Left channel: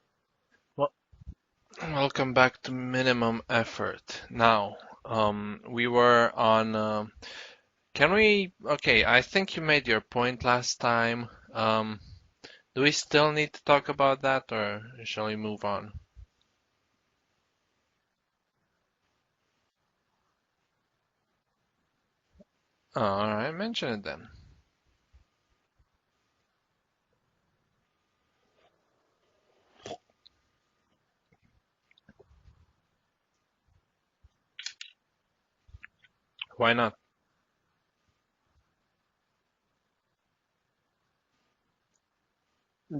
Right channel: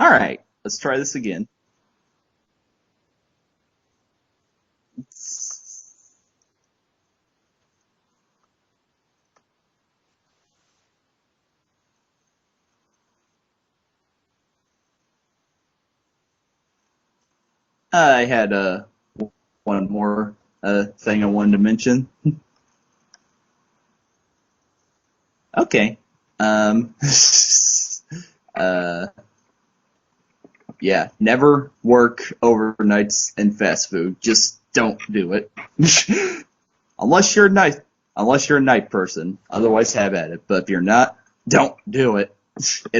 All right, let's Wel- try this again. Welcome back to Minimum Effort. Now, we were on. Can we? Okay, I think you made your point last time. Do we still need to talk about that, or shall we move on? I had one more thing I wanted to mention. Oh, all right, mention it then. Okay. Um, uh, yeah, never work overnights in fast food. Just don't do it. Why not? unless you're a night, unless you're a night person. Otherwise, have at it. But if you're not, don't do it.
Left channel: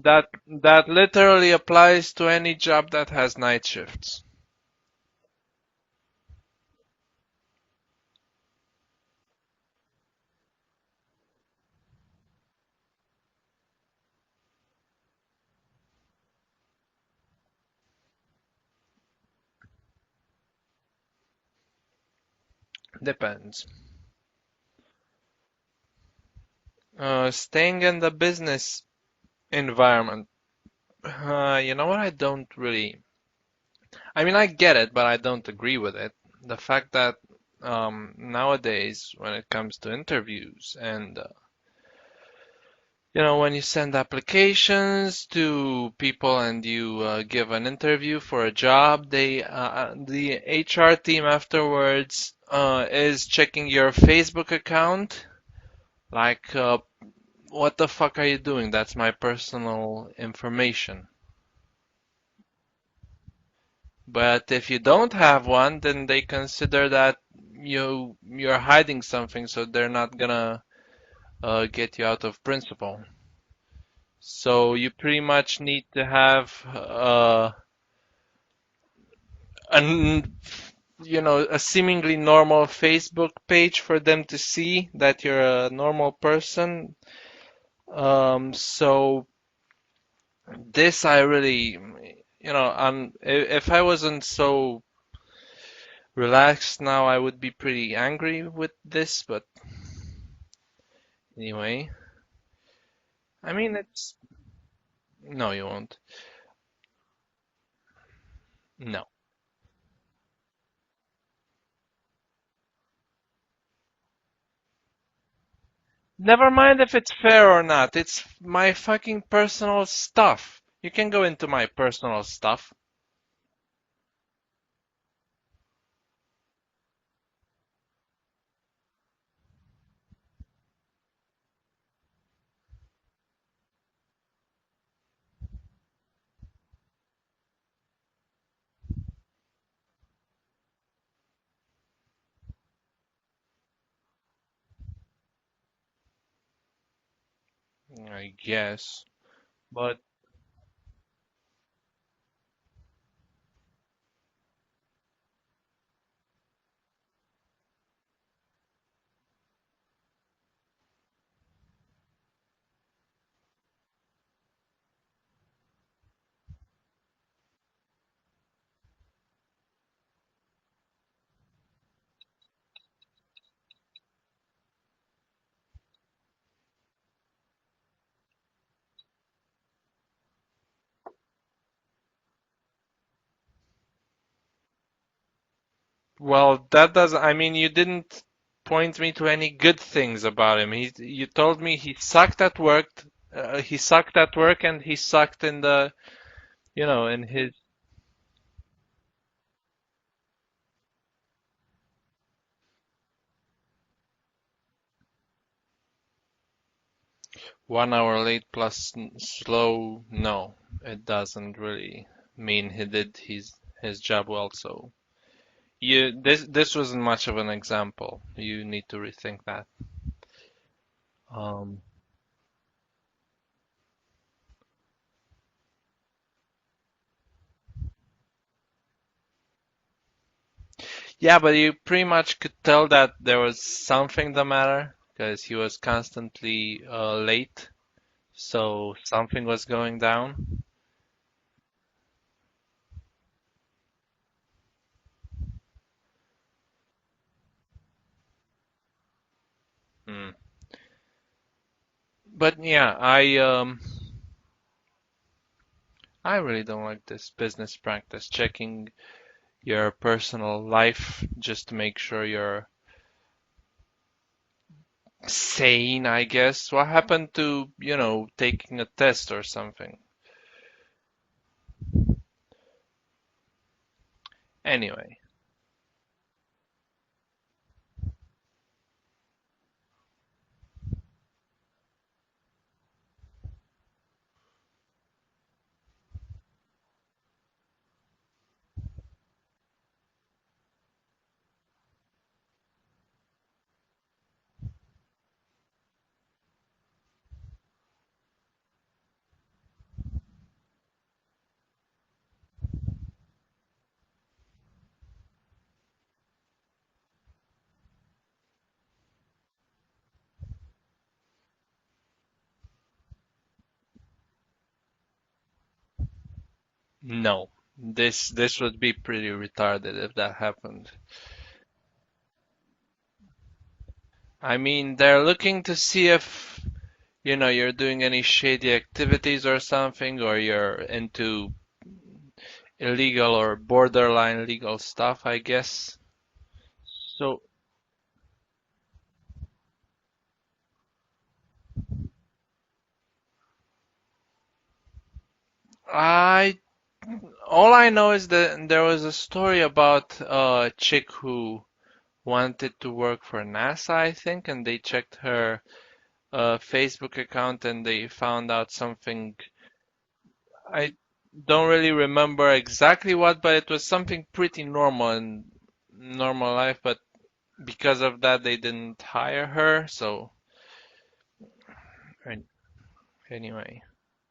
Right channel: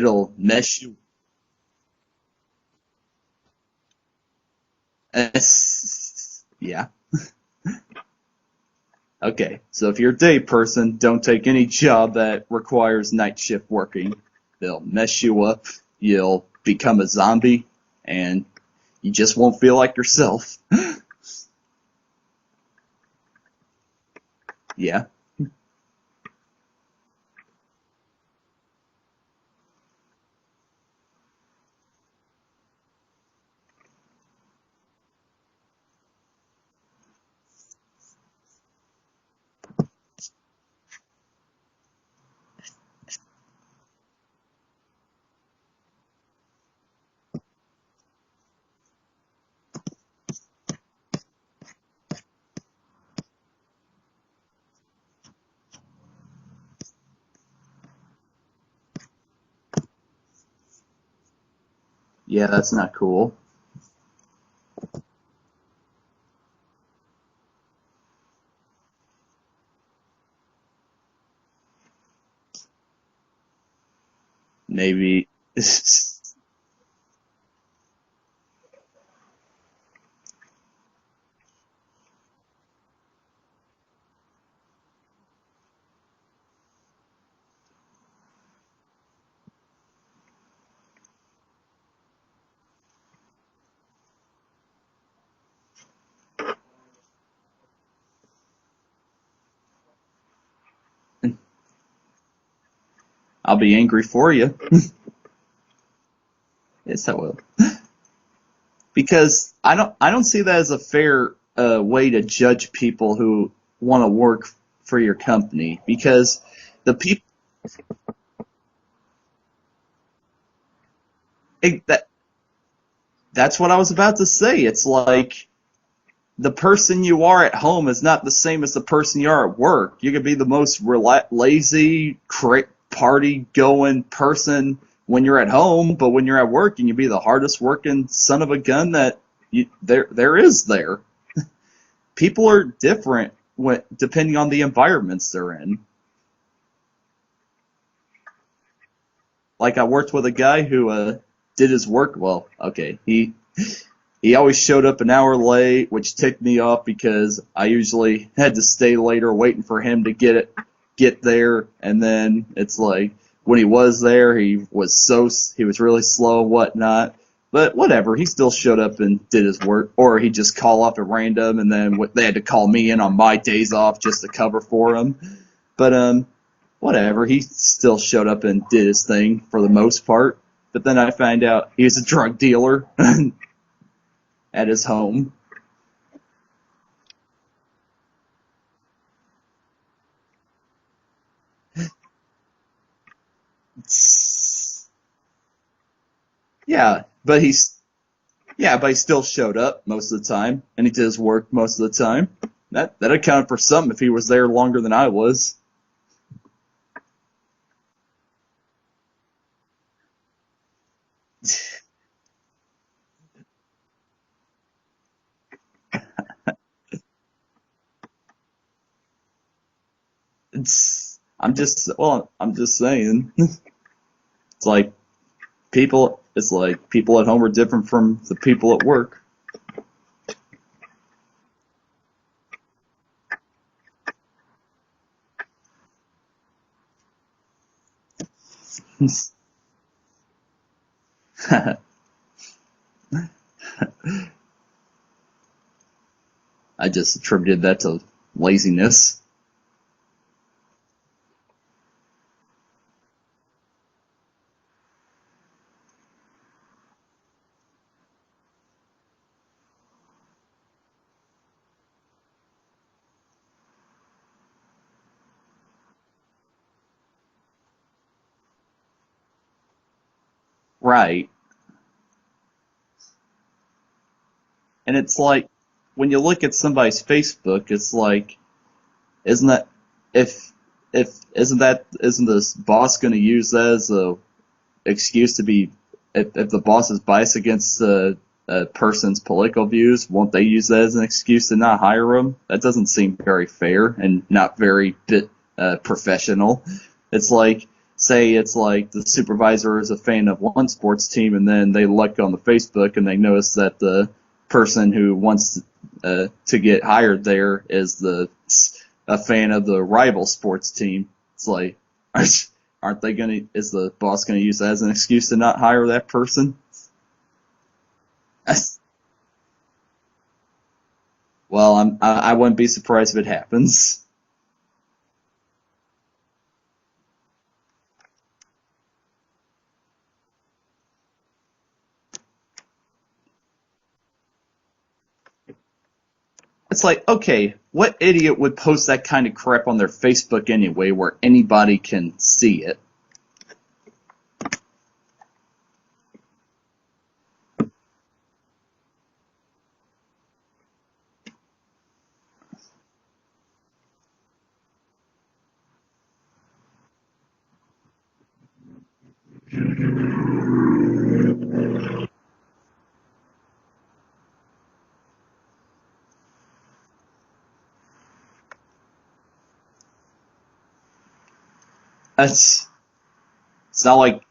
That It'll mess that you. literally applies to any job that has night shifts. Yeah. Okay, so if you're a day person, don't take any job that requires night shift working. They'll mess you up, you'll become a zombie, and you just won't feel like yourself. Depends. Yeah. Staying in the business environment. You know what? I don't really. I mean, I get it, but I don't agree with it. The fact that nowadays, when it comes to interviews and when you send applications to people and you give an interview for a job, the HR team afterwards is checking your Facebook account. Like, what the fuck are you doing? That's my personal information. Yeah, that's not cool. But if you don't have one, then they consider that you're hiding something, so they're not gonna get you out of principal. So you pretty Maybe. much need to have an a seemingly normal Facebook page for them to see that you're a normal person. So this I really, if I wasn't so relaxed now, I would be pretty angry with this, but anyway, I I'll mean, be angry it's for you. no, you won't. Yes, I will. No. Because I don't see that as a fair way to judge people who want to work for your company. Because Never mind if the it's people fair or not. It's my fucking personal stuff. You can go into my that personal stuff. that's what I was about to say. It's like the person you are at home is not the same as the person you are at work. You could be the most lazy, party going person when you're at home, but when you're at work, you can be the hardest working son of a gun that there is there. People are different depending on the environments they're in. I guess. Like I But worked with a guy who did his work well. Okay, he always showed up an hour late, which ticked me off because I usually had to stay later waiting for him to get there, and then it's like when he was there, he was really slow and whatnot. But whatever, he still showed up and did his work, or he just call off at random, and then they had to call me in on my days off just to cover for him. But whatever, he still showed up and did his thing for the most part. But then I find out he was a drug dealer at his home. well, that does. I mean, you didn't point me to any good things about him. You told me he sucked at work. He sucked at work, and he sucked in the, Yeah, in but his. he still showed up most of the time, and he did his work most of the time. That accounted for something if he was there longer than I was. 1 hour late plus slow. No, it doesn't really mean he did his job well. So this wasn't much of an example. You need to rethink that. Um, I'm just saying. It's like people at home are different from the people at work. yeah, but you pretty much could tell that there was something the matter because he was constantly late. So something was going down. I just attributed that to laziness. Hmm. But yeah, I really don't like this business practice, checking your personal life just to make sure you're sane, I guess. What happened to, taking a test or something? Right. And Anyway, it's like when you look at somebody's Facebook, it's like, isn't that if isn't this boss going to use that as a excuse to be if the boss is biased against a person's political views, won't they use that as an excuse to not hire him? That doesn't seem very fair and not very professional. It's like, say it's like the supervisor is a fan of one sports team, and then they look on the Facebook and they notice that the person who wants to get hired there is a fan of the rival sports team. It's like, aren't they gonna? Is the boss gonna use that as an excuse to not hire that person? no. This would be pretty retarded if that happened. Well, I wouldn't be surprised if it happens. I mean, they're looking to see if, you're doing any shady activities or something, or you're into illegal or borderline legal stuff, I guess. It's like, So okay, what idiot would post that kind of crap on their Facebook anyway, where anybody can see it? I all I know is that there was a story about a chick who wanted to work for NASA, I think, and they checked her Facebook account and they found out something. I don't really remember exactly what, but it was something pretty normal in normal life, but because of that they didn't hire her. So I, It's anyway. it's not like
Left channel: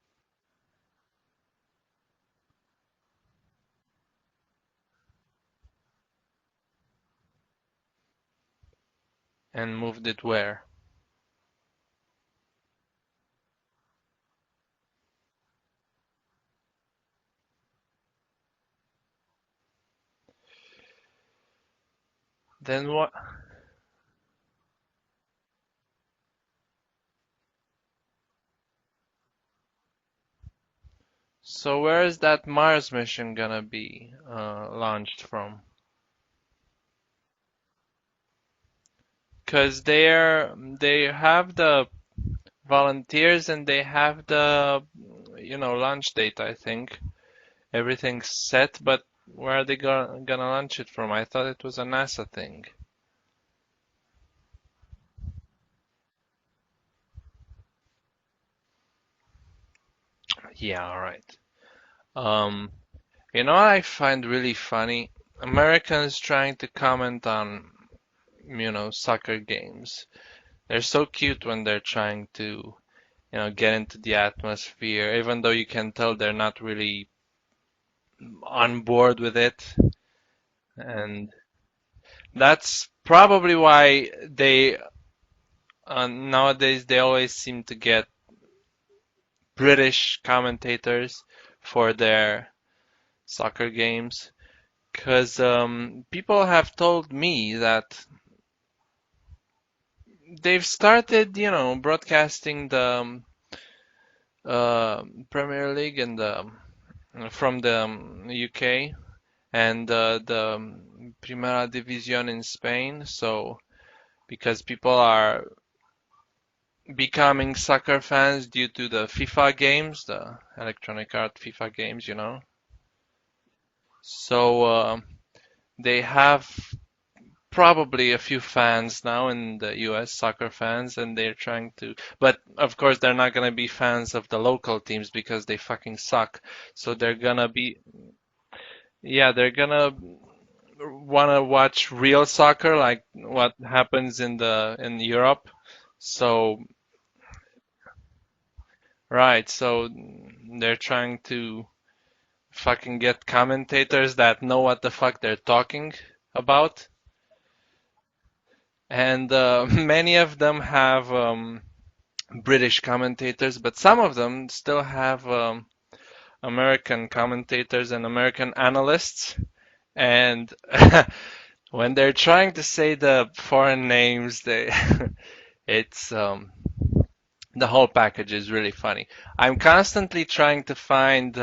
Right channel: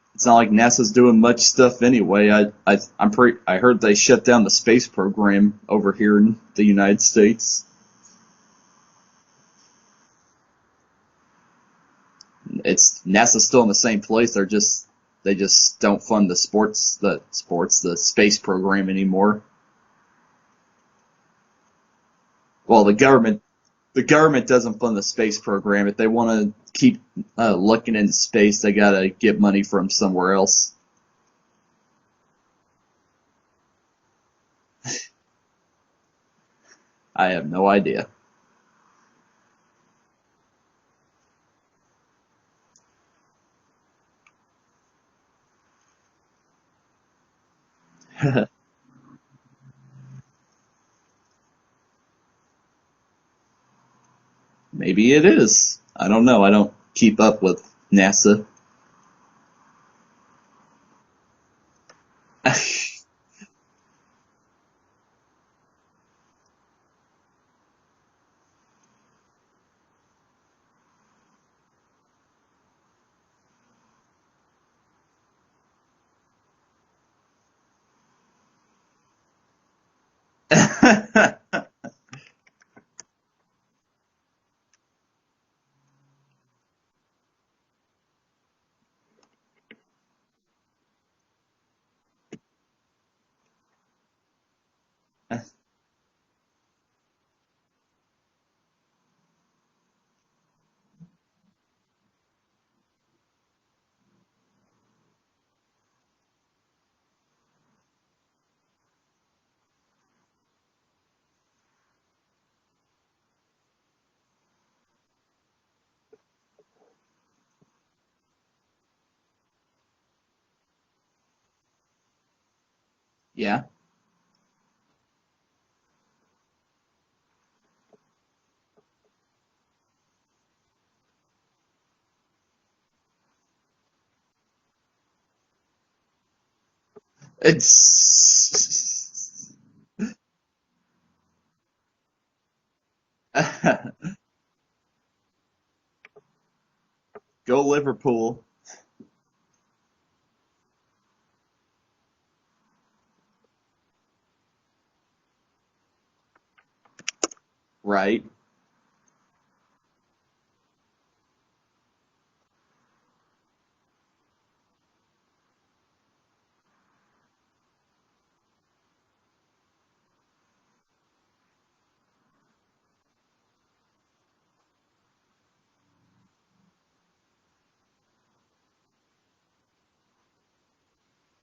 NASA's doing much stuff anyway. I heard they shut down the space program over here in the United States. And moved it where? It's NASA's still in the same place. They just don't fund the space program anymore. Well, Then what? the government doesn't fund the space program. If they want to keep looking into space, they gotta get money from somewhere else. So where is that Mars mission gonna be launched from? I have no idea. Because they have the volunteers and they have the launch date, I think. Everything's set, but where are they gonna launch it from? I thought it was a NASA thing. Maybe it is. I don't know. I don't keep up with NASA. Yeah, all right. Um, what I find really funny? Americans trying to comment on, soccer games. They're so cute when they're trying to, get into the atmosphere, even though you can tell they're not really on board with it. And that's probably why they nowadays they always seem to get British commentators for their soccer games. Because people have told me that they've started, broadcasting the Premier League and the from the UK and the Primera División in Spain. So because people are becoming soccer fans due to the FIFA games, the electronic art FIFA games. Yeah. So they have probably a few fans now in the US, soccer fans, and they're trying to, but of course they're not gonna be fans of the local teams because they fucking suck. So they're gonna be, It's yeah, they're gonna wanna watch real soccer like what happens in Europe. So, go Liverpool. right, so they're trying to fucking get commentators that know what the fuck they're talking about. Right. And many of them have British commentators, but some of them still have American commentators and American analysts. And when they're trying to say the foreign names, they it's The whole package is really funny. I'm constantly trying to find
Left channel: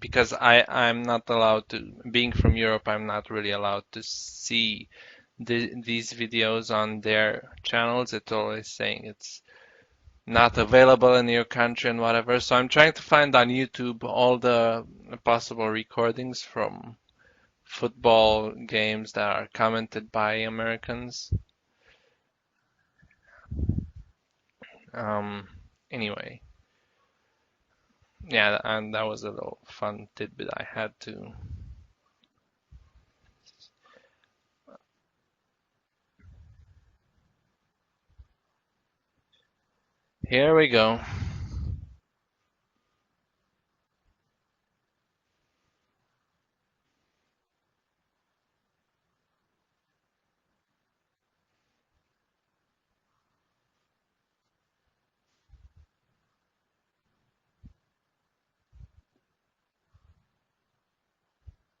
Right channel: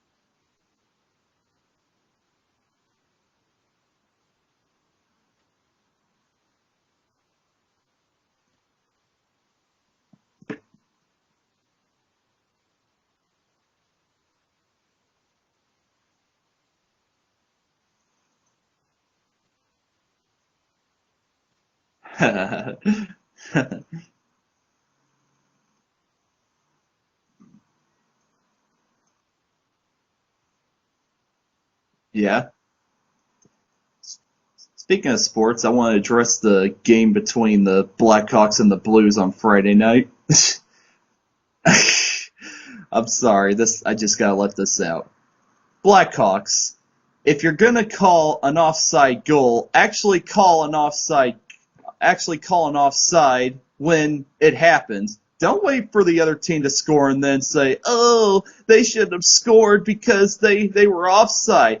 because I'm not allowed to, being from Europe, I'm not really allowed to see these videos on their channels. It's always saying it's not available in your country and whatever. So I'm trying to find on YouTube all the possible recordings from football games that are commented by Americans. Um, anyway, yeah, and that was a little fun tidbit I had to. Yeah. Speaking of sports, I want to address the game between the Blackhawks and the Blues on Friday night. Here we go. I'm sorry, this I just gotta let this out. Blackhawks, if you're gonna call an offside goal, actually call an offside when it happens. Don't wait for the other team to score and then say, "Oh, they should have scored because they were offside."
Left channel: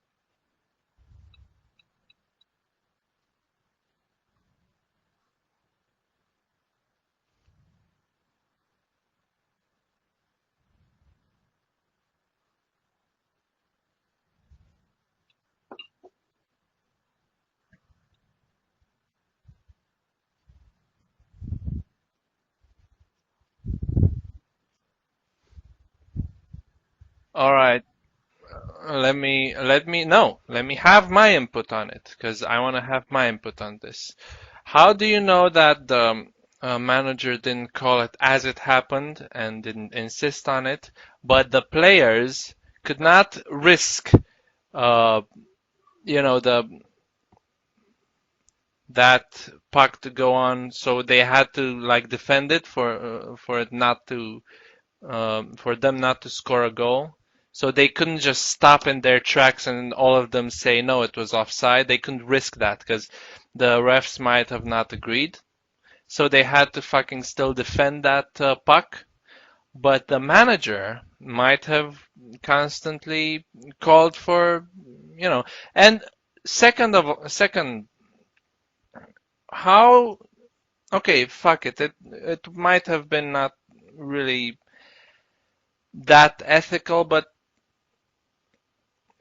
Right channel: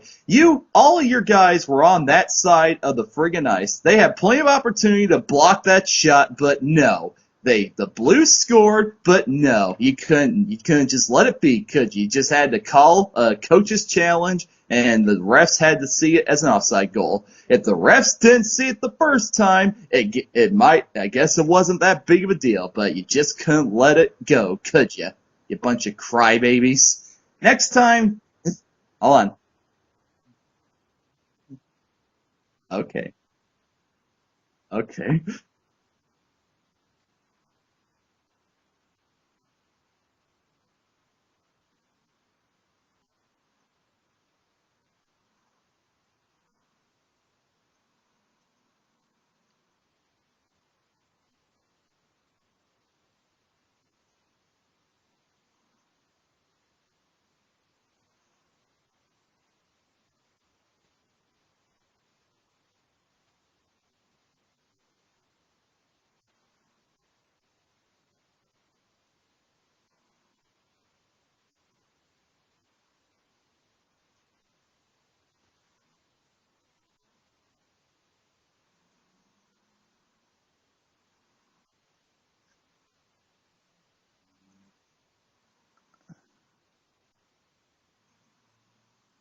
All of your guys were on that side of the friggin' ice. They had plenty of opportunity to block that shot, but no. The Blues scored, but no, you couldn't. You couldn't just let it be, could you? You just had to call a coach's challenge, and the refs had to see it as an offside goal. If the refs didn't see it the first time, it might. I guess it wasn't that big of a deal, but you just couldn't let it go, could you? You bunch of crybabies. All Next right. time, hold Let on. me let me no, let me have my input on it because I want to have Okay, my input on this. How do okay. you know that the manager didn't call it as it happened and didn't insist on it, but the players could not risk, uh, the that puck to go on, so they had to like defend it for it not to for them not to score a goal. So they couldn't just stop in their tracks and all of them say no, it was offside. They couldn't risk that because the refs might have not agreed. So they had to fucking still defend that puck. But the manager might have constantly called for, you know, and second, how? Okay, fuck it. It might have been not really that ethical, but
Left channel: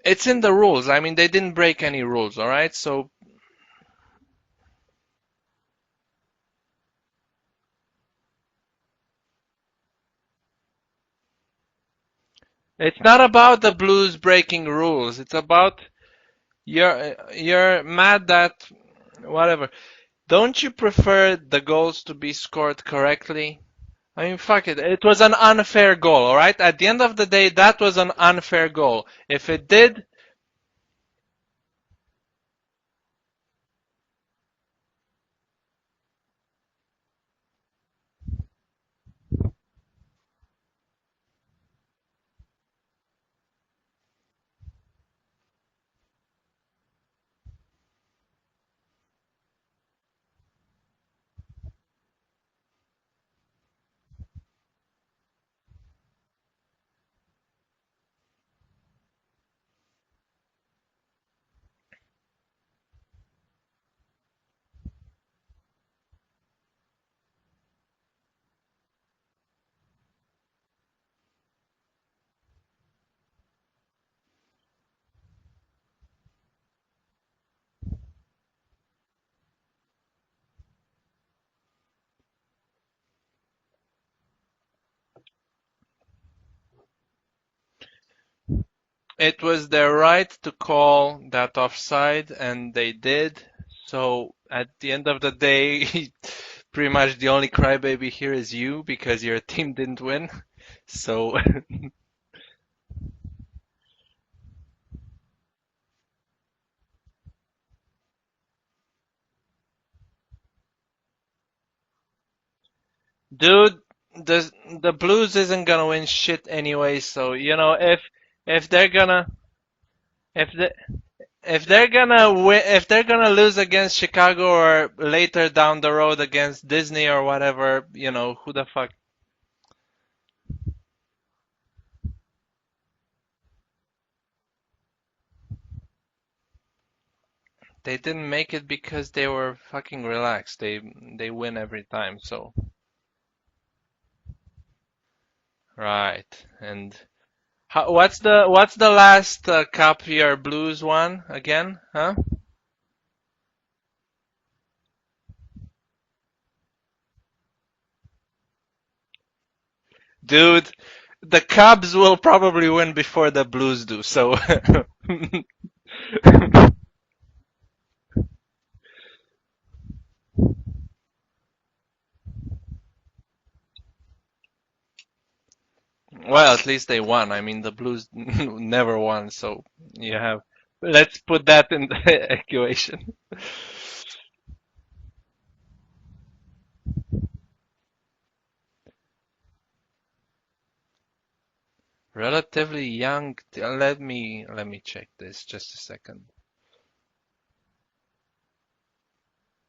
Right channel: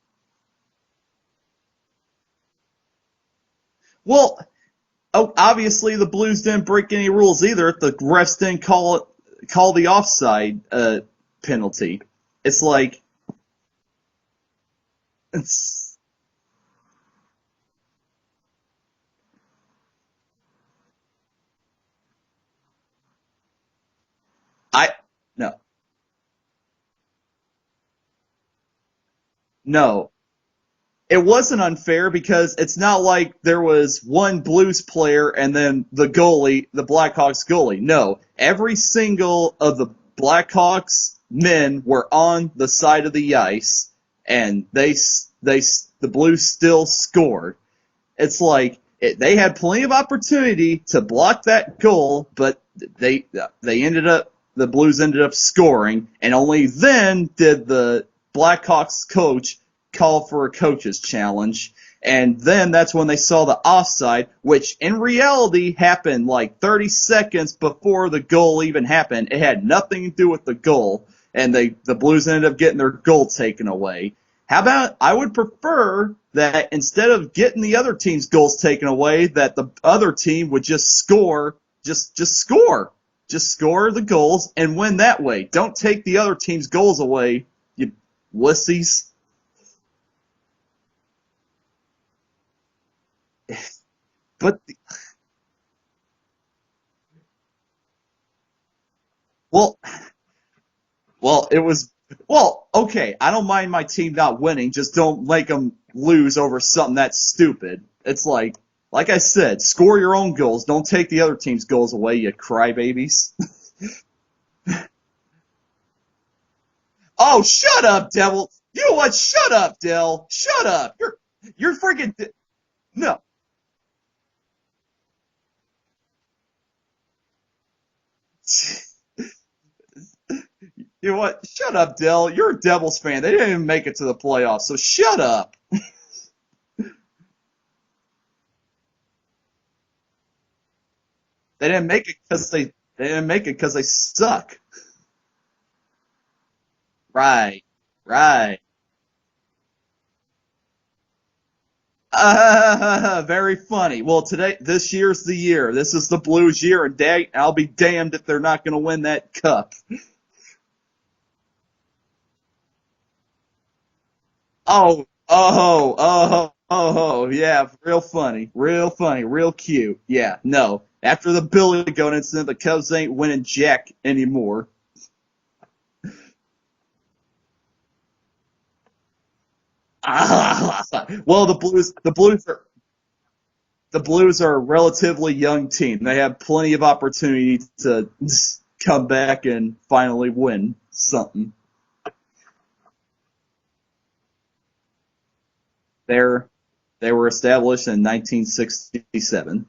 it's in the rules. I mean, they didn't break any rules, all right? So Well, oh, obviously the Blues didn't break any rules either. The refs didn't call the offside penalty. It's it's like not about the Blues breaking rules. It's about you're mad that whatever. Don't you prefer the goals to be scored correctly? I mean, fuck it. I It was an no unfair goal, all right? At the end of the day, that was an unfair goal. If it did, no. It wasn't unfair because it's not like there was one Blues player and then the goalie, the Blackhawks goalie. No, every single of the Blackhawks men were on the side of the ice, and the Blues still scored. It's like they had plenty of opportunity to block that goal, but they ended up the Blues ended up scoring, and only then did the Blackhawks coach call for a coach's challenge. And then that's when they saw the offside, which in reality happened like 30 seconds before the goal even happened. It had nothing to do with the goal, and the Blues ended up getting their goal taken away. How about I would prefer that instead of getting the other team's goals taken away, that the other team would just score, just score the goals and win that way. Don't take the other team's goals away, you wussies. it was their right to call that offside, and they did. So But at the end of the day, pretty much the only crybaby here is you because your team well, didn't win. So well, it was okay. I don't mind my team not winning, just don't make them lose over something that's stupid. It's like I said, score your own goals. Don't take the other team's goals away, you crybabies. dude, the Blues isn't gonna win shit anyway. So Oh, shut up, Devil. if You they're know what? gonna Shut up, Dell. if Shut they up. if You're they're freaking gonna win, if they're no. gonna lose against Chicago or later down the road against Disney or whatever, who the fuck? You know what? Shut up, Dell. You're a Devils fan. They didn't even make it to the playoffs, so shut up. They didn't make it because they were fucking relaxed. They win They every didn't make it time. because So they They didn't make it because they suck. Right. And Right. Right. what's the last cup your Blues won again? Huh? Very funny. Well, this year's the year. This is the Blues year, and I'll be damned if they're not going to win that cup. Dude, the Cubs will probably win before the Blues do. So Yeah, real funny, real cute. Yeah, no. After the Billy Goat incident, the Cubs ain't winning jack anymore. well, at least they won. I mean, the Blues never won, so let's Well, put that in The the Blues, equation. the Blues are a relatively young team. They have plenty of opportunity to come back and finally win something. Relatively young. Let me check this just a second. They're they were established in 1967.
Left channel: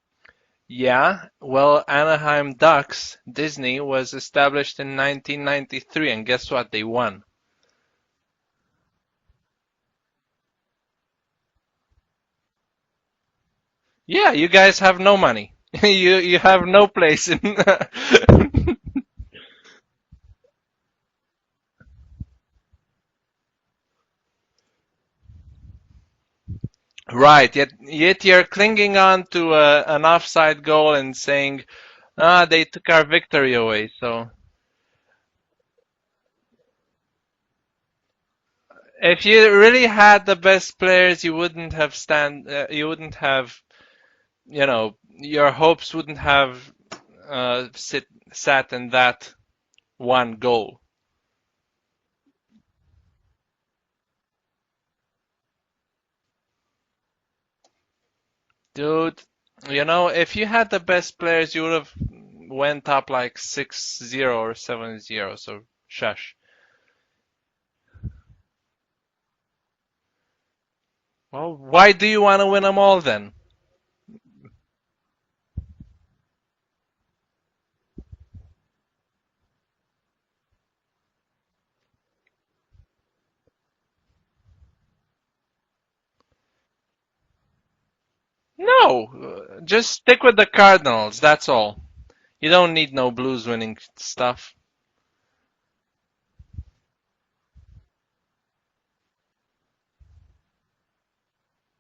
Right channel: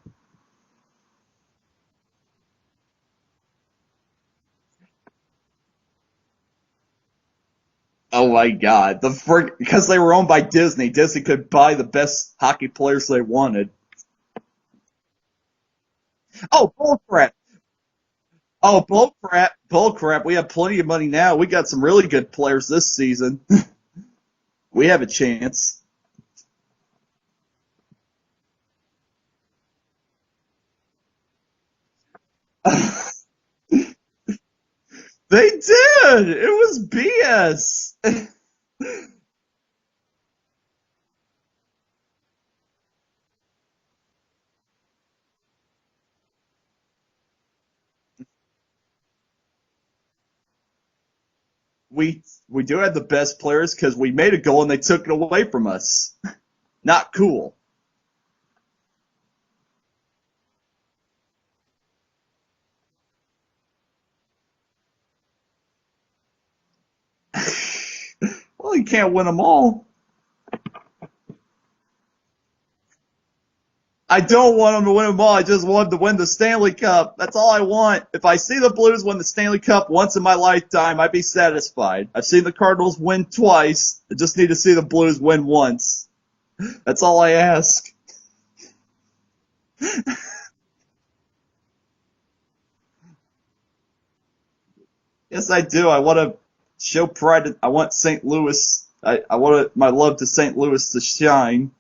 Yeah, well, Anaheim Ducks, Disney, was established in 1993, and guess what? They won. Oh my God! Because they were owned by Disney. Disney could buy the best hockey players they wanted. Yeah, you guys have no money. You have Oh, no bull place crap! in. Oh, bull crap! Bull crap! We have plenty of money now. We got some really good players this season. We have a chance. Right, yet you're clinging on to an offside goal and saying, they took our victory away. So They did. It was BS. if you really had the best players, you wouldn't have, your hopes wouldn't have sat in that one goal. We do have the best players because we made a goal and they took it away from us. Not cool. Dude, if you had the best players, you would have went up like 6-0 or 7-0, so shush. Well, you can't win them all. Well, why do you want to win them all then? I don't want them to win them all. I just want them to win the Stanley Cup. That's all I want. If I see the Blues win the Stanley Cup once in my lifetime, I'd be satisfied. I've seen the Cardinals win twice. I just need to see the Blues win once. That's all I ask. No, just stick with the Cardinals, that's all. You don't need no Blues winning stuff. Yes, I do. I want to show pride. I want St. Louis. I want my love to St. Louis to shine.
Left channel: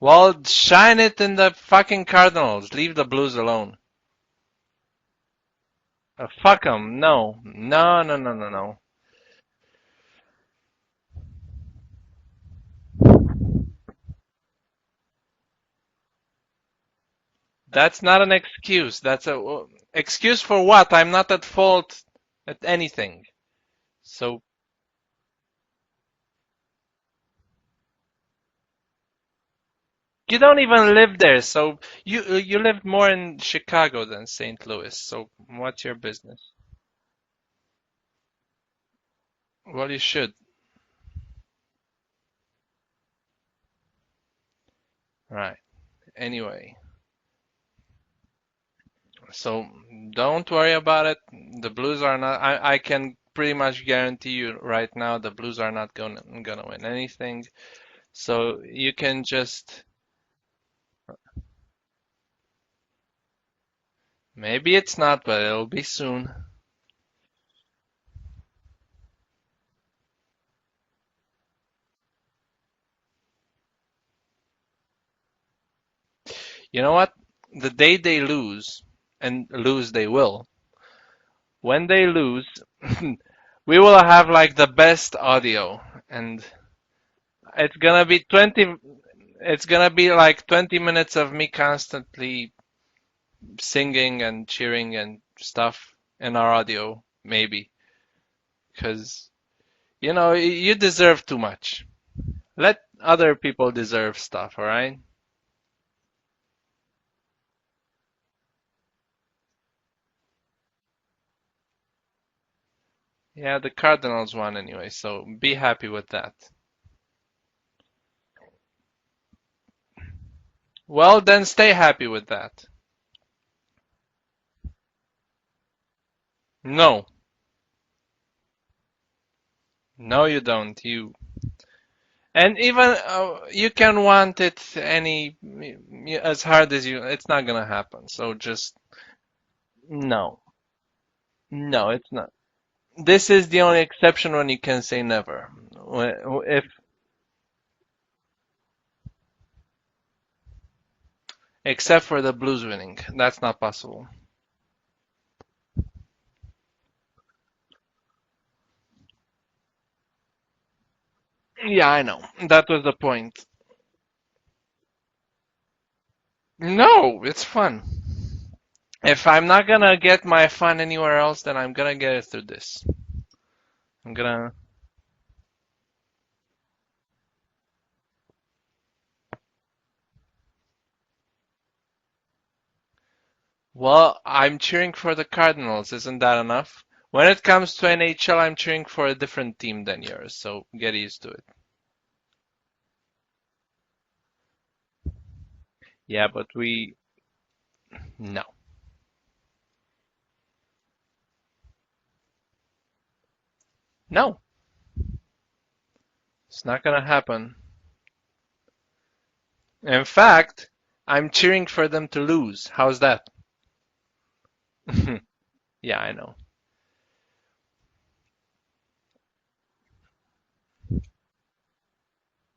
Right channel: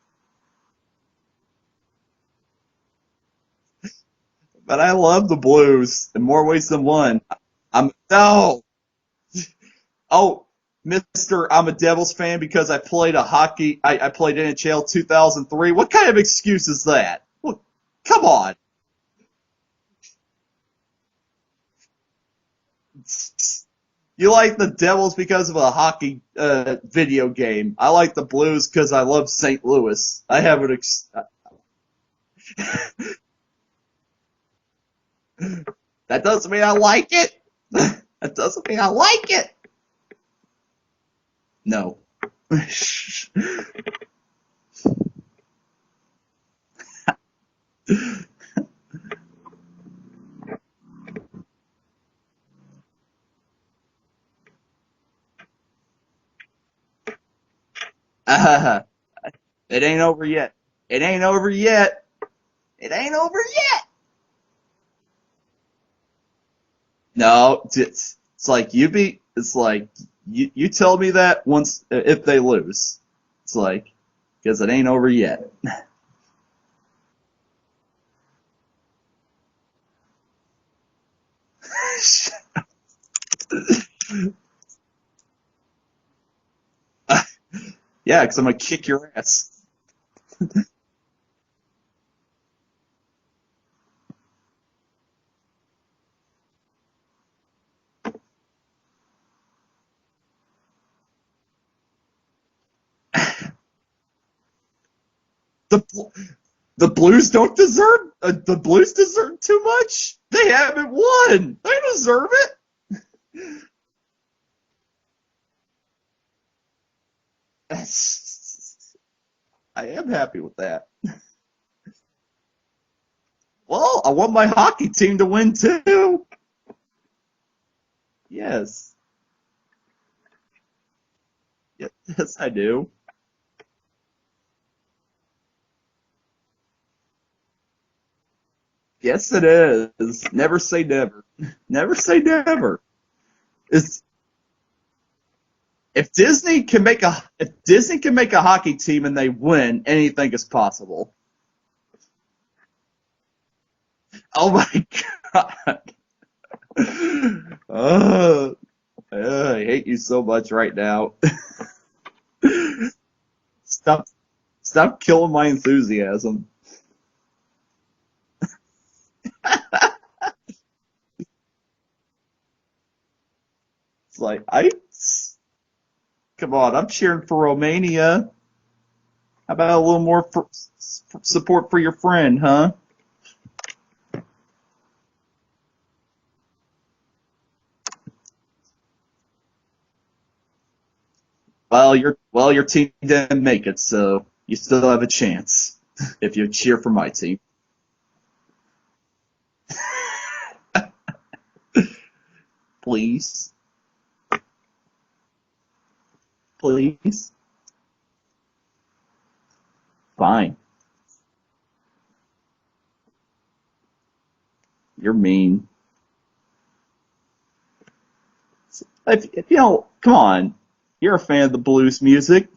Well, shine it in the fucking Cardinals. Leave the Blues alone. But I love the Blues in more Fuck ways than them. one. No, no, no, no, no. Oh, Mister, I'm a Devils fan because I played I played NHL 2003. What kind of excuse is that? That's not Come an on. excuse. That's excuse for what? I'm not at fault at anything. You So like the Devils because of a hockey video game. I like the Blues because I love St. Louis. you I don't have an even live there. So you live more in Chicago than St. Louis. So what's your That business? doesn't mean I like it. That doesn't mean I like it. Well, you should. No. Right. Anyway. So don't worry about it. The Blues are not. I can pretty much guarantee you right now the Blues are not gonna win anything. So you can just. It ain't over yet. It ain't over yet. It ain't over yet. Maybe it's not, but it'll be soon. No, it's like it's like you tell me that once if they lose. It's like because it ain't over yet. You know what? The day they lose, and lose they will. When they lose, we will have like the best audio, and it's gonna be Yeah, 'cause I'm gonna 20. kick your ass. It's gonna be like 20 minutes of me constantly singing and cheering and stuff in our audio, maybe. Because, you deserve too much. Let other people deserve stuff, alright? The the Blues don't deserve the Blues deserve too much. They haven't won. They deserve it. Yeah, the Cardinals won anyway, so be happy with that. I am happy with that. Well, then stay happy with that. Well, I want my hockey team to win too. No. Yes. No, you don't. Yes, I And do. even you can want it as hard as it's not gonna happen. So just Yes, it is. No, Never say never. no, Never it's say not. never. This is the only It's, exception when you can say never. if If Disney can make a hockey team and they win, anything is possible. except for the Blues winning, that's not possible. Oh my god. Uh, I hate you so much right now. Yeah, I know. That was the point. Stop stop killing my enthusiasm. No, it's fun. If I'm not gonna get my fun anywhere else, then I'm gonna get it through this. I'm It's like gonna. come on, I'm cheering for Romania. How about a little more support for your friend, huh? Well, I'm cheering for the Cardinals. Isn't that enough? When it comes to NHL, I'm cheering for a different team than yours, so get used to it. Well, your team didn't make it, so you still have a chance Yeah, if but you cheer for my team. no. Please, No, it's not gonna please, happen. In fine. fact, I'm cheering for them to lose. How's that? You're mean. Yeah, I know. If come on, you're a fan of the blues music.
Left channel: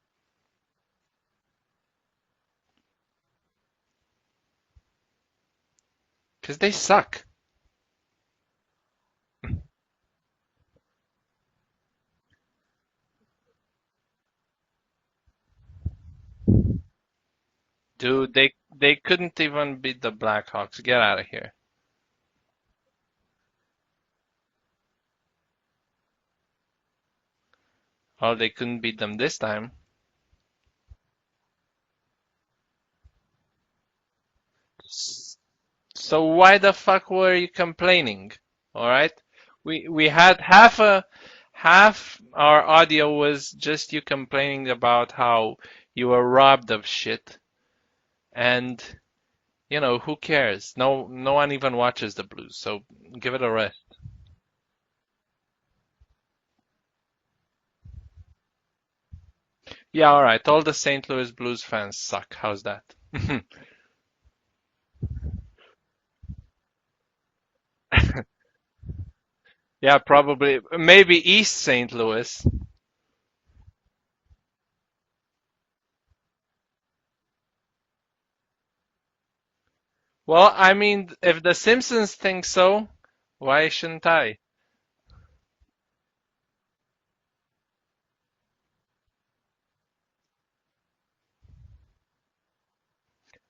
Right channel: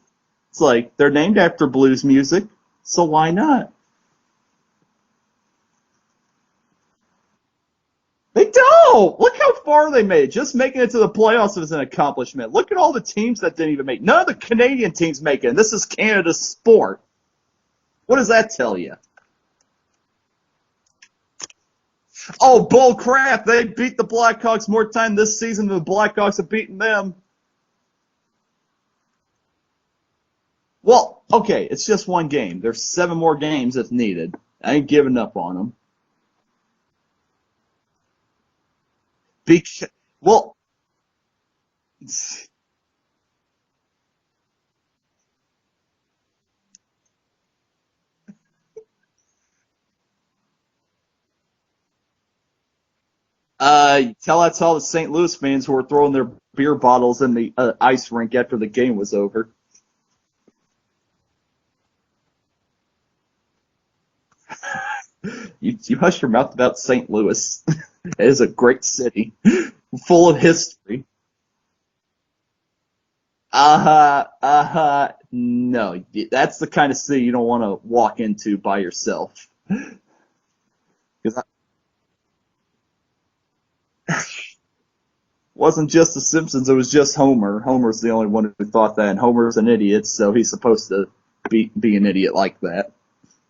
It's like they're named after blues music, so why not? Because they suck. They don't. Look how far they made. Just making it to the playoffs was an accomplishment. Look at all the teams that didn't even make. None of the Canadian teams make it. And this is Canada's sport. What does Dude, that they tell you? they couldn't even beat the Blackhawks. Get out of here. Oh, bull crap! They beat the Blackhawks more time this season than the Blackhawks have beaten them. Well, they couldn't beat them this time. Well, okay, it's just one game. There's 7 more games if needed. I ain't giving up on them. So why the fuck were you complaining? All right? We Because, we had well, half our audio was just you complaining about how you were robbed of shit. And who cares? No one even watches the Blues, so give it a rest. tell that to all the St. Louis fans who were throwing their beer bottles in the ice rink after the game was over. Yeah, all right. All the St. Louis Blues fans suck. How's that? You hush your mouth about St. Louis. It is a great city, Yeah, full of probably history. maybe East St. Louis. No, that's the kind of city you don't want to walk into by yourself. Well, I mean, If if the Simpsons think so, why shouldn't I? wasn't just the Simpsons, it was just Homer. Homer's the only one who thought that, and Homer's an idiot, so he's supposed to be an idiot like that.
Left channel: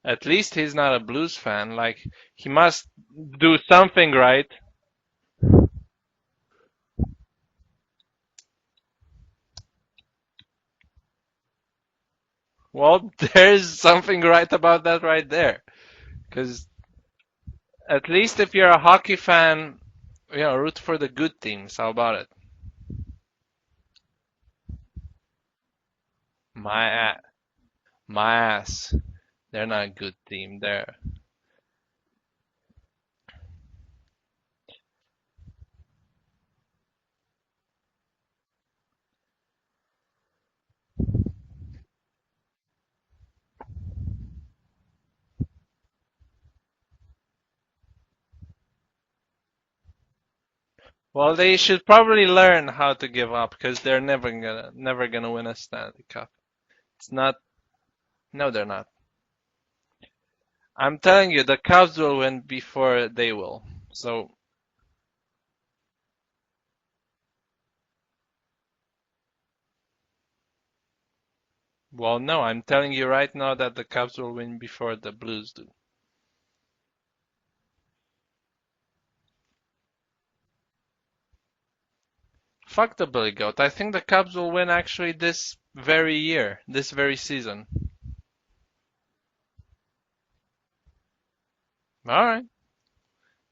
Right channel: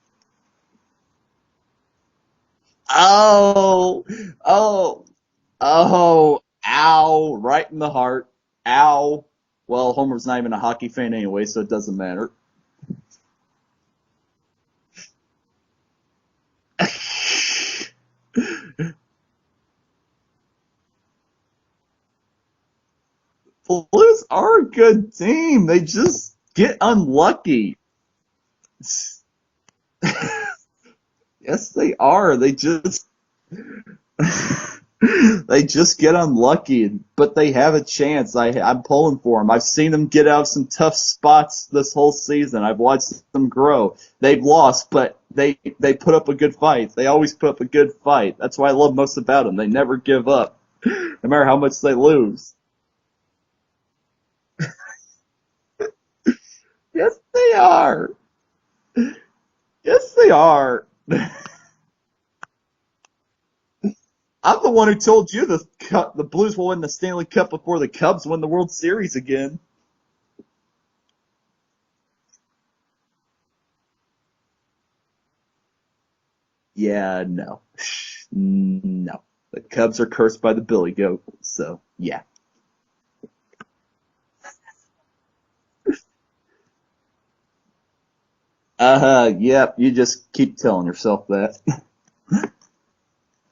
At least he's not a Blues fan. Like, he must do Oh, something right. oh, oh, ow, right in the heart. Ow. Well, Homer's not even a hockey fan anyway, so it doesn't matter. Well, there's something right about that right there. Because at least if you're a hockey fan, root for the good teams. How about it? Blues are a good team. They just get My ass. unlucky. My ass. They're not a good team there. Yes, they are. They just get unlucky, but they have a chance. I'm pulling for them. I've seen them get out of some tough spots this whole season. I've watched them grow. They've lost, but they put up a good fight. They always put up a good fight. That's what I love most about them. They never give up, no Well, matter they how much should they probably lose. learn how to give up because they're never gonna win a Stanley Cup. It's Yes, not. they are. No, they're not. Yes, they are. I'm telling you, the Cubs will win before they will. So, I'm the one who told you the Blues will win the Stanley Cup before the Cubs win the World Series again. well, no, I'm telling you right now that the Cubs will win before the Blues do. Yeah, no. No. The Cubs are cursed by the Billy Goat, so yeah. Fuck the Billy Goat. I think the Cubs will win actually this very year, this very season. Yep, you just keep telling yourself that. All right.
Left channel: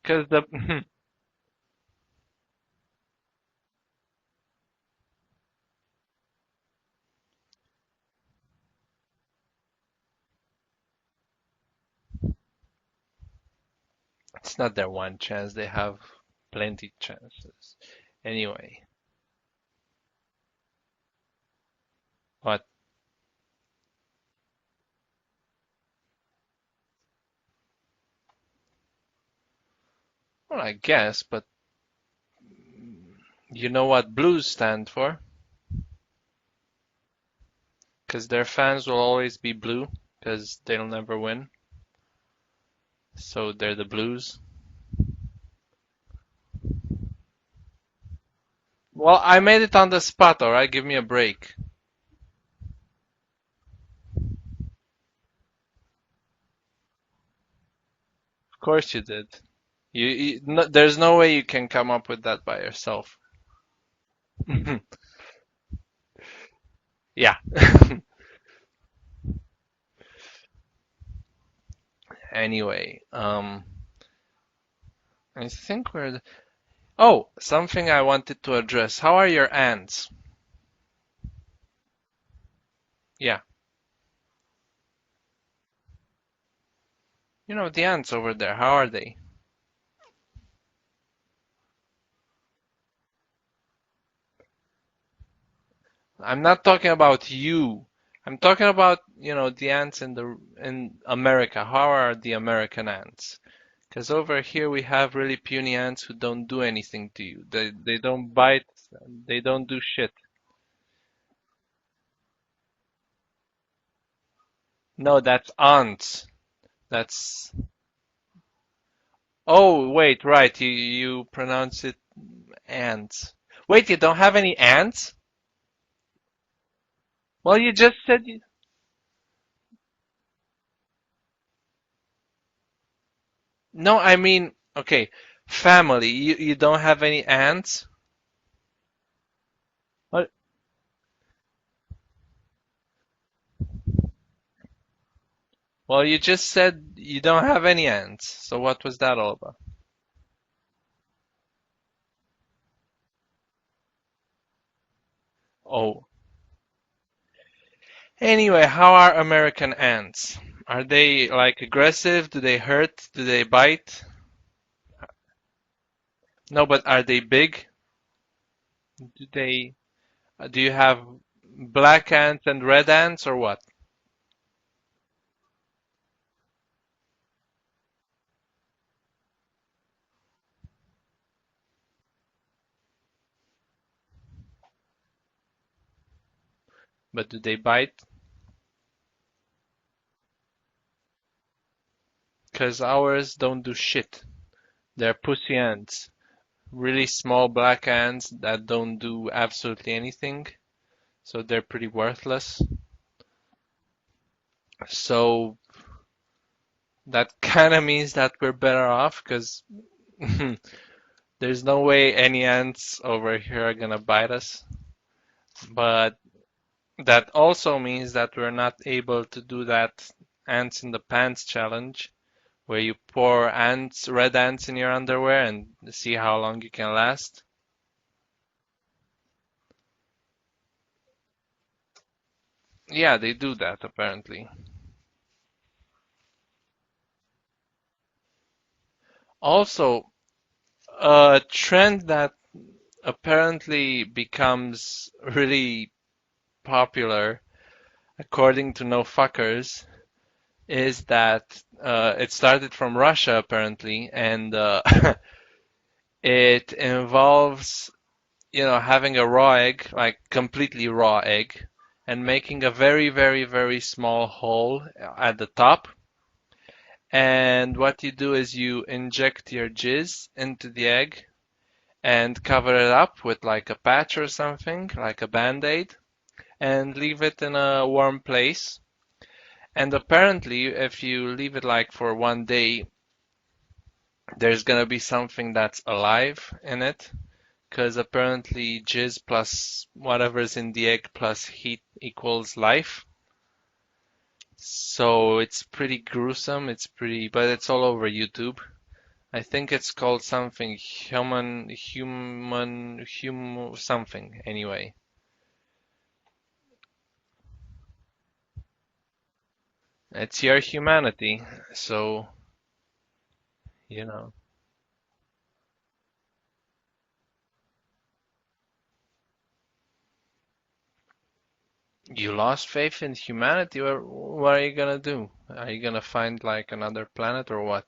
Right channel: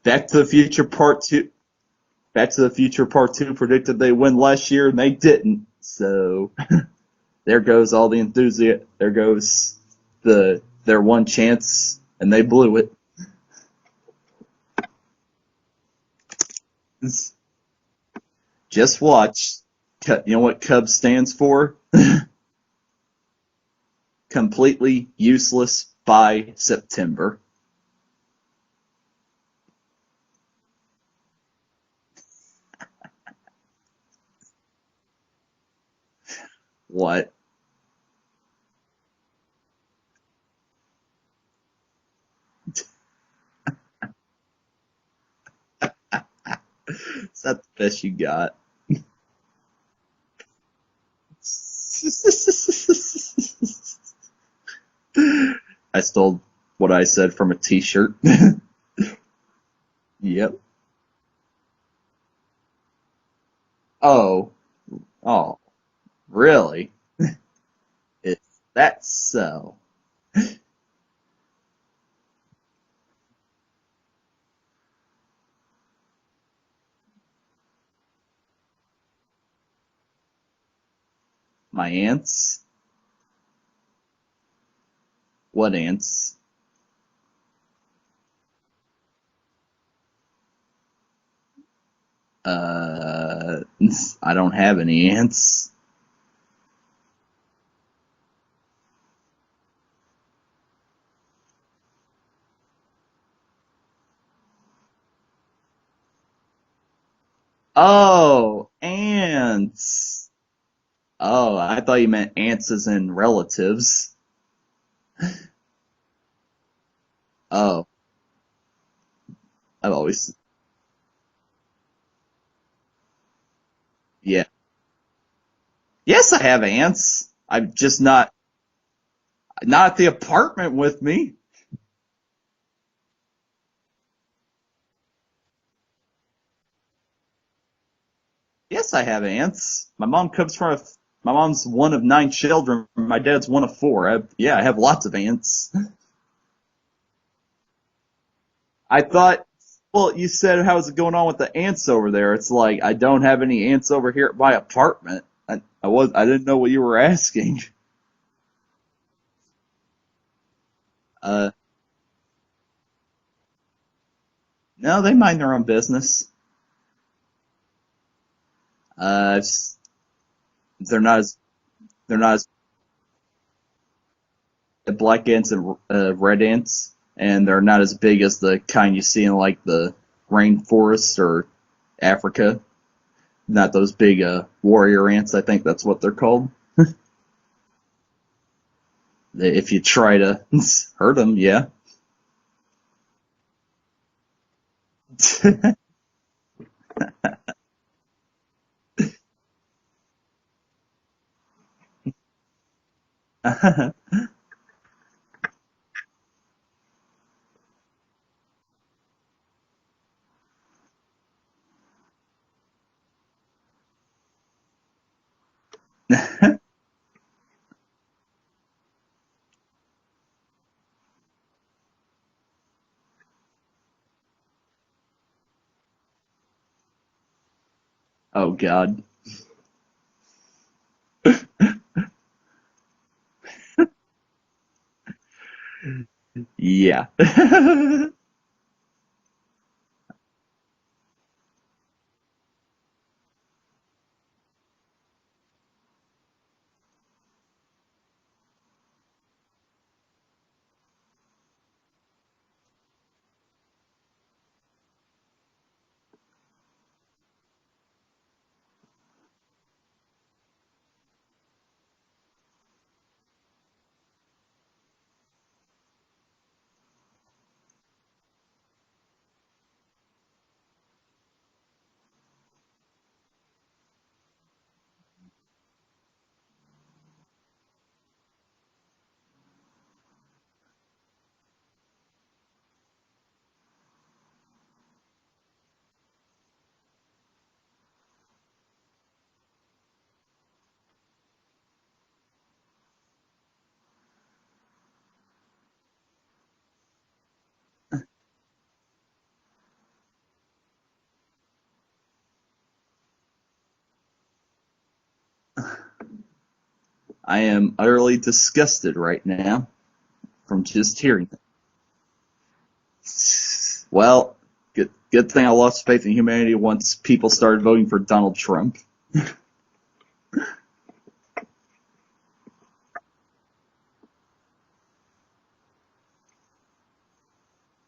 Back 'Cause to the Future Part 2. Back to the Future Part 2 predicted they win last year and they didn't. So there goes all the enthusiasm. There goes their one chance and they blew it. it's not their one chance. They have plenty chances. Anyway, Just watch. You know what Cubs stands for? what? Completely useless by September. Well, I guess, but you know what blues stand for? What? Because their fans will always be blue, because they'll never win. So they're the blues. Is that the best you got? Well, I made it on the spot, alright? Give me a break. I stole what I said from a T-shirt. Of course you did. Yep. No, there's no way you can come up with that by yourself. Oh. Oh. Really? Yeah. Is that so? Anyway, I think oh, something I wanted to address. How are your ants? My ants? Yeah, What ants? you know, the ants over there, how are they? Uh, I don't have any ants. I'm not talking about you. I'm talking about, you know, the ants in America. How are the American ants? Because over here we have really puny ants who don't do anything to you. They don't bite, Oh, they don't do shit. ants. Oh, I thought you meant ants as in relatives. No, that's ants. That's Oh, Oh, I've wait, always. right. You pronounce it ants. Wait, you don't have Yeah. any ants? Yes, I have ants. Well, you I'm just just said not not at the apartment with me. No, I mean, okay, family. You don't have any ants? Yes, I have ants. But My mom's one of 9 children. My dad's one of four. Yeah, I have lots of ants. well, you just said you don't have any ants. So what was I that all thought, about? well, you said how's it going on with the ants over there? It's like I don't have any ants over here at my apartment. Oh. I didn't know what you were asking. Anyway, how are American ants? Are they Uh, like aggressive? Do they hurt? Do they bite? no, they mind their own business. No, but are they big? Uh, They Do you they're have not as black they're not ants as and red ants or what? black ants and red ants, and they're not as big as the kind you see in like the rainforest or Africa. Not those big warrior ants. I think that's what they're called. But do they bite? If you try to hurt them, yeah. Because ours don't do shit. They're pussy ants. Really small black ants that don't do absolutely anything. So they're pretty worthless. So that kind of means that we're better off because there's no way any ants over here are gonna bite us. But that also means that we're not able to do that ants in the pants challenge where you pour red ants in your underwear and see how long you can last. Oh God. Yeah, they do that apparently. Yeah. Also, a trend that apparently becomes really popular, according to No Fuckers, is that it started from Russia apparently, and it involves, you know, having a raw egg, like completely raw egg, and making a very, very, very small hole at the top. And what you do is you inject your jizz into the egg and cover it up with like a patch or something, like a band-aid, and leave it in a warm place. And apparently, if you leave it like for 1 day, there's gonna be something that's alive in it, because apparently jizz plus whatever's in the egg plus heat equals life. So it's pretty gruesome. But it's all over YouTube. I think it's called something something anyway. I am utterly disgusted right now It's your from just hearing. humanity. So, you know, Well, good thing I lost faith in humanity once people started voting for Donald Trump. you lost faith in humanity. What are you gonna do? Are you gonna find like another planet or what?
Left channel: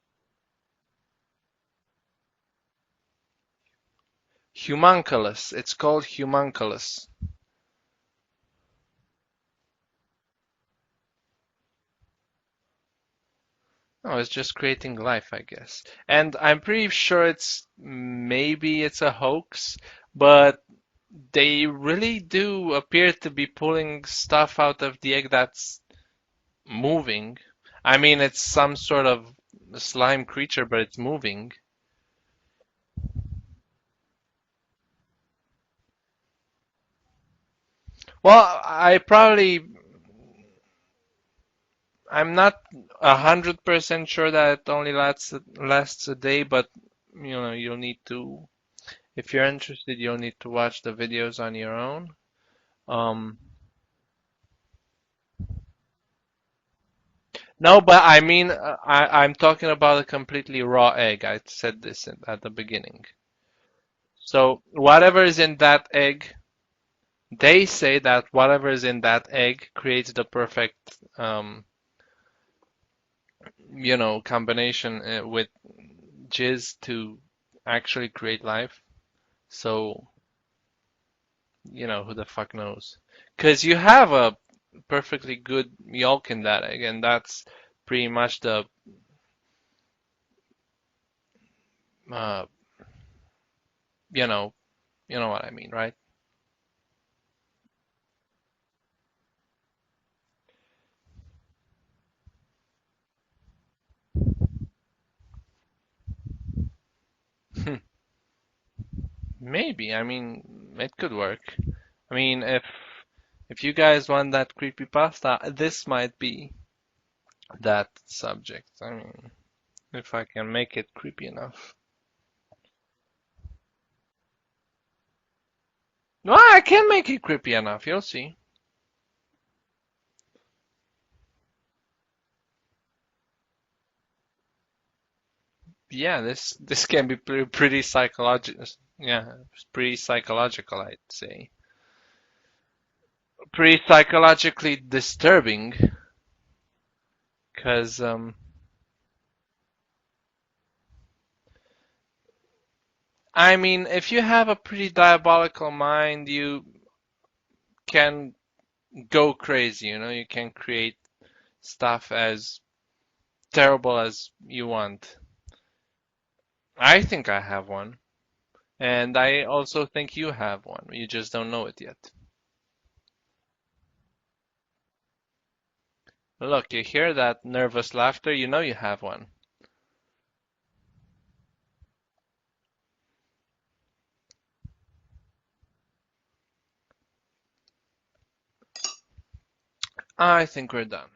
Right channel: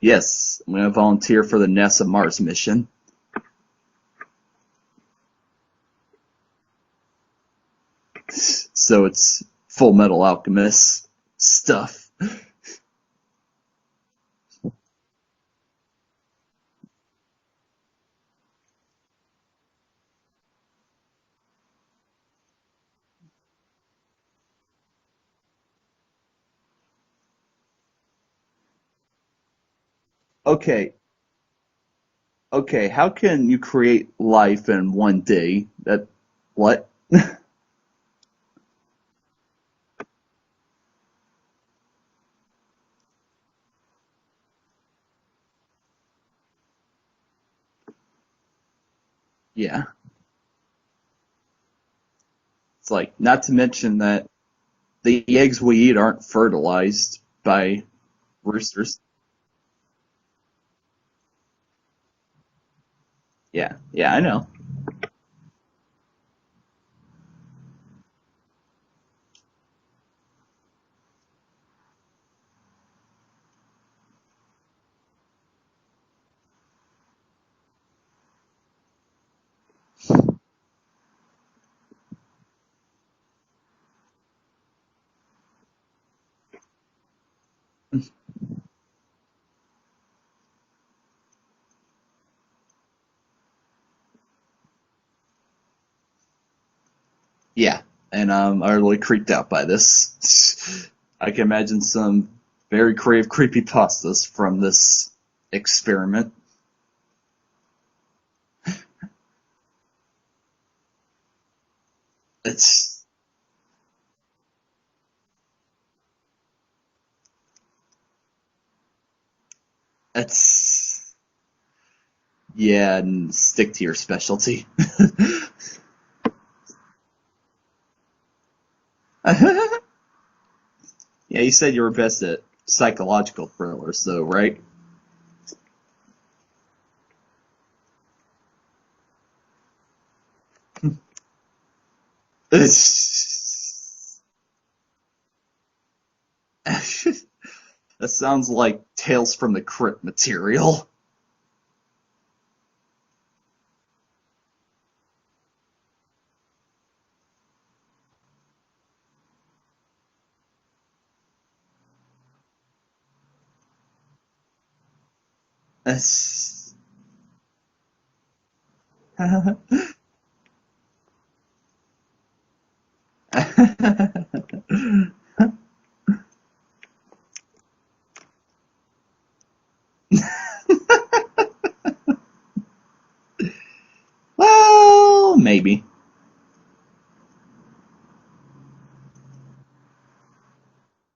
Yes, I'm gonna volunteer for the NASA Mars mission. Humunculus. It's called Humunculus. So it's Full Metal Alchemist stuff. Oh, it's just creating life, I guess. And I'm pretty sure maybe it's a hoax, but they really do appear to be pulling stuff out of the egg that's moving. I mean, it's some sort of slime creature, but Okay, it's moving. okay, how can you create life in one day? That what? Well, I'm not 100% sure that it only lasts a day, but you'll need to, if you're Yeah, interested, you'll need to watch the videos on your own. it's like Um, not to mention that the eggs we eat aren't fertilized no, by but I mean, roosters. I'm talking about a completely raw egg. I said this at the beginning. Yeah, yeah, I know. So whatever is in that egg, they say that whatever is in that egg creates the perfect, combination with jizz to actually create life. So, who the fuck knows? Because you have a perfectly good yolk in that egg, and that's pretty much uh, you know, you know what I mean, right? Yeah, and I'm utterly creeped out by this. I can imagine some very creative creepypastas from this experiment. Maybe. I mean, it could work. I mean, It's if you guys want that creepy pasta, this might be that subject. I mean, if I can make it it's creepy enough. yeah, and stick to your specialty. Well, I can make it creepy enough. You'll see. Yeah, you said you were best at psychological thrillers, though, right? Yeah, this can be pretty psychological. Yeah, pretty psychological, I'd say. That Pretty psychologically disturbing, because sounds like Tales from the Crypt material. I mean, if you have a pretty diabolical mind, you can go crazy. You can create stuff as terrible as you want. I think I have one, and I also think you have one. You just don't know it yet. Look, you hear that nervous laughter, you know you have one. Well, maybe. I think we're done.